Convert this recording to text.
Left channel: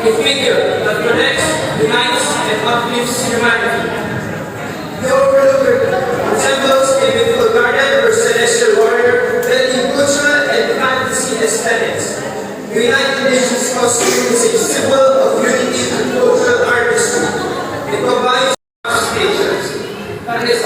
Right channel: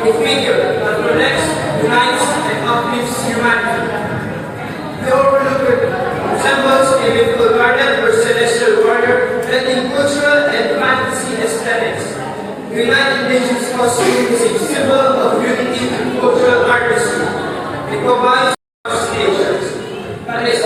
A figure that protects, unites, and uplifts humanity. The overlooker resembles a mythical guardian or celestial warrior, blending cultural and fantasy aesthetics. The United Nations costume is a symbol of unity and cultural artistry. It combines stations, and is